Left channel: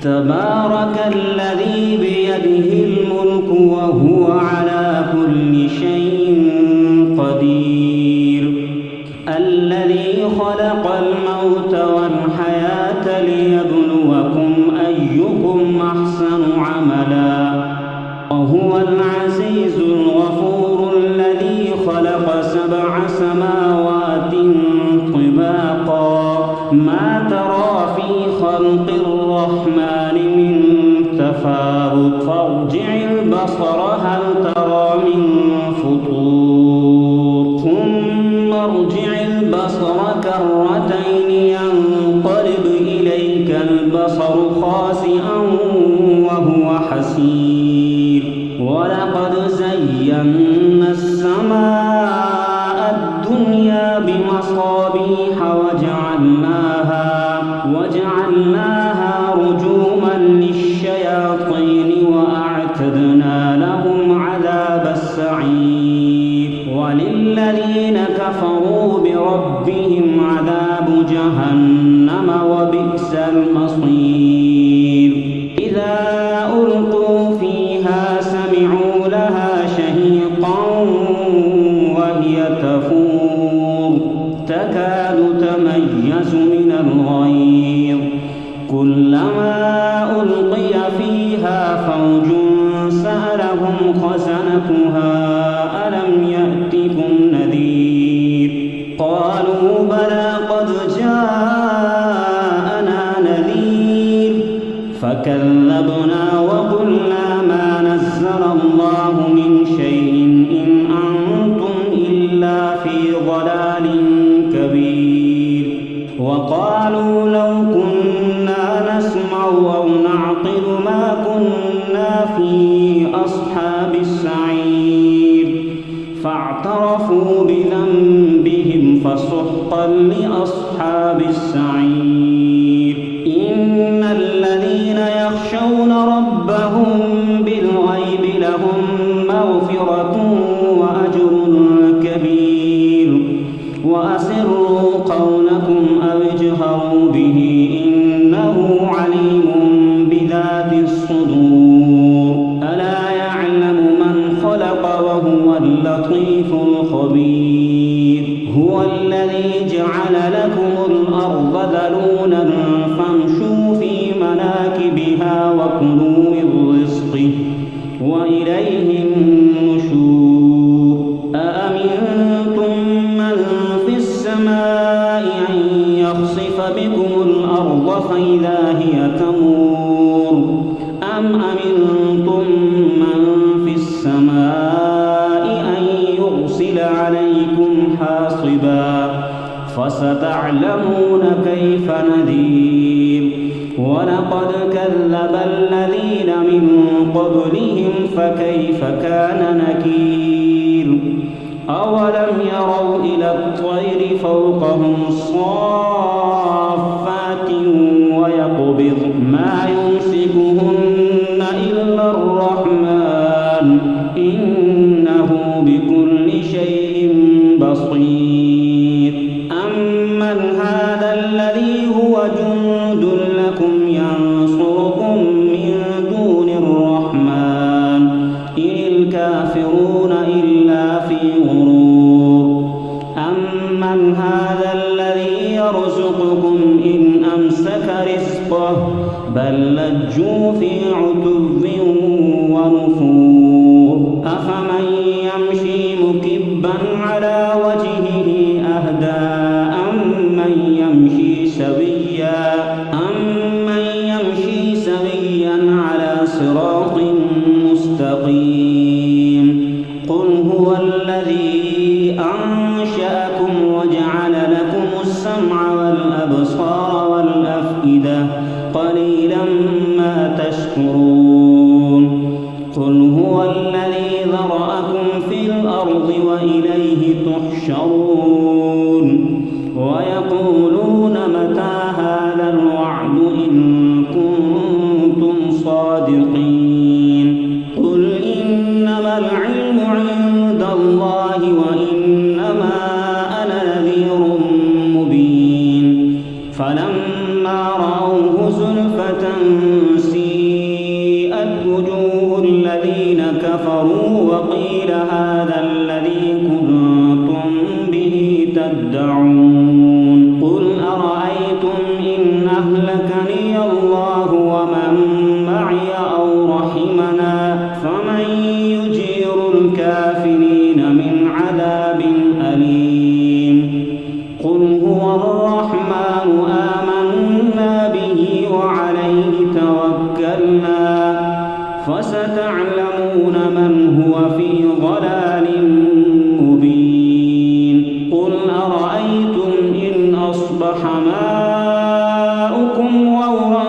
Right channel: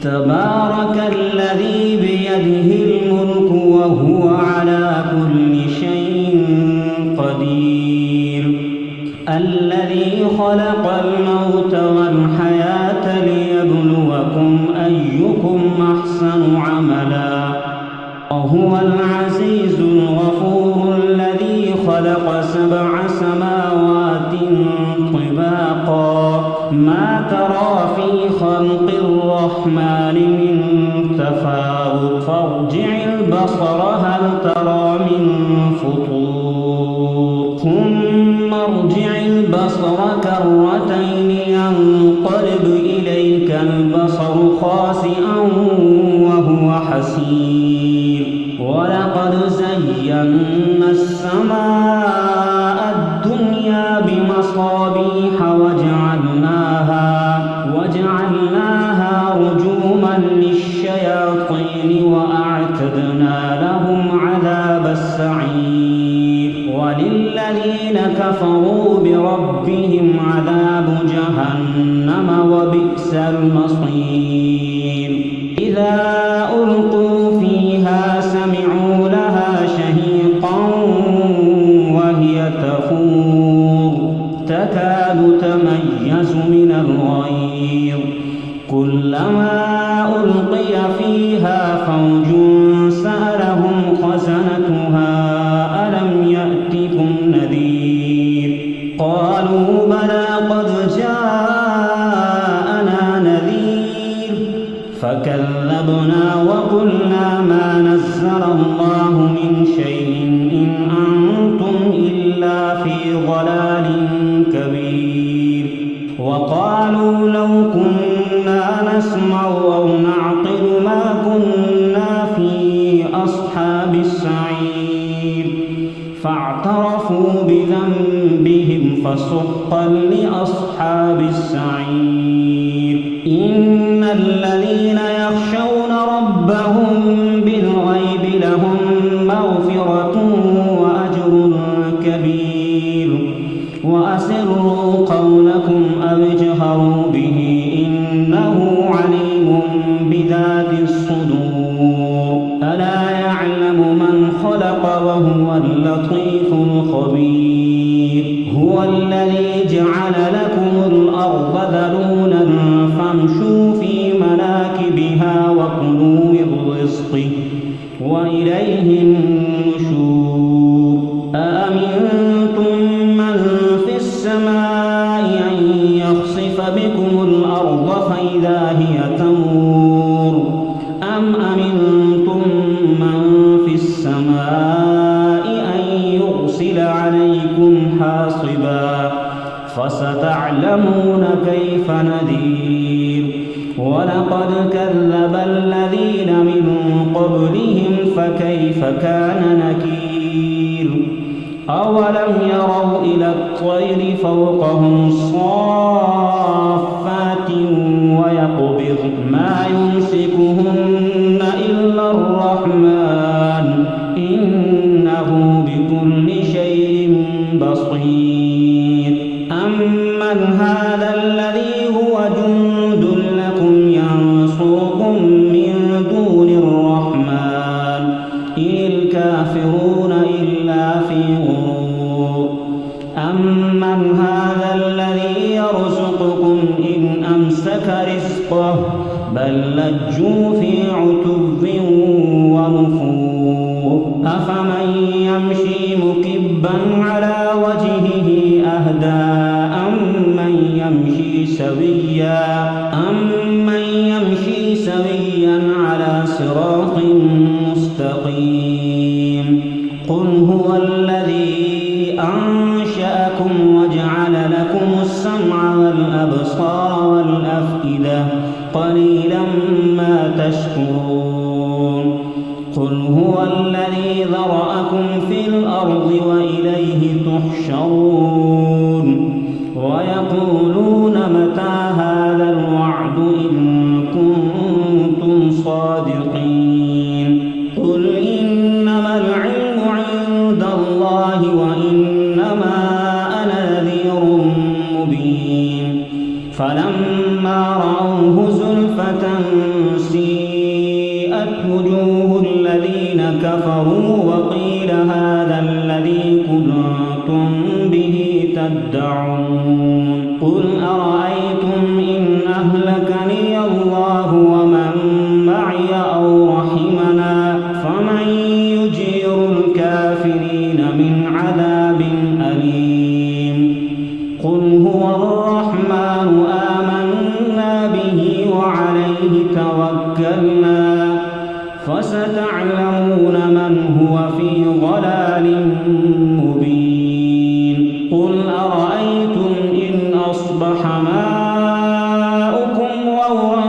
تبارك الذي بيده الملك وهو على كل شيء قدير. الذي خلق الموت والحياة ليبلوكم أيكم أحسن عملا وهو العزيز الغفور. الذي خلق 7 سماوات طباقا ما ترى في خلق الرحمن من تفاوت فارجع البصر هل ترى من فطور ثم ارجع البصر كرتين ينقلب إليك البصر خاسئا وهو حسير. ولقد زينا السماء الدنيا بمصابيح وجعلناها رجوما للشياطين وأعتدنا لهم عذاب السعير. وللذين كفروا بربهم عذاب جهنم وبئس المصير. إذا ألقوا فيها سمعوا لها شهيقا وهي تفور تكاد تميز من الغيظ كلما ألقي فيها فوج سألهم خزنتها ألم يأتكم نذير قالوا بلى قد جاءنا نذير فكذبنا وقلنا ما نزل الله من شيء إن أنتم إلا في ضلال كبير. وقالوا لو كنا نسمع أو نعقل ما كنا في أصحاب السعير فاعترفوا بذنبهم فسحقا لأصحاب السعير. إن الذين يخشون ربهم بالغيب لهم مغفرة وأجر كبير. وأسروا قولكم أو اجهروا به إنه عليم بذات الصدور. ألا يعلم من خلق وهو اللطيف الخبير. هو الذي جعل لكم الأرض ذلولا فامشوا في مناكبها وكلوا من رزقه وإليه النشور. أأمنتم من في السماء أن يخسف بكم الأرض فإذا هي تمور أم أمنتم من في السماء أن يرسل عليكم حاصبا فستعلمون كيف نذير. ولقد كذب الذين من قبلهم فكيف كان نكير. أولم يروا إلى الطير فوقهم صافات ويقبض ما يمسكهن إلا الرحمن إنه بكل شيء بصير. أمن هذا الذي هو جند لكم ينصركم من دون الرحمن إن الكافرون إلا في غرور. أمن هذا الذي يرزقكم إن أمسك رزقه بل لجوا في عتب ونفور. أفمن يمشي مكبا على وجهه أهدى أمن يمشي سويا على صراط مستقيم. قل هو الذي أنشأكم وجعل لكم السمع والأبصار والأفئدة قليلا ما تشكرون. قل هو الذي ذرأكم في الأرض وإليه تحشرون. ويقولون متى هذا الوعد إن كنتم صادقين. قل إنما العلم عند الله وإنما أنا نذير مبين. فلما رأوه زلفة سيئت وجوه الذين كفروا وقيل هذا الذي كنتم به تدعون قل أرأيتم إن أهلكني الله ومن معي أو رحمنا فمن يجير الكافرين من عذاب أليم قل هو الرحمن آمنا به وعليه توكلنا فستعلمون من هو في ضلال مبين قل أرأيتم إن أصبح ماؤكم غورا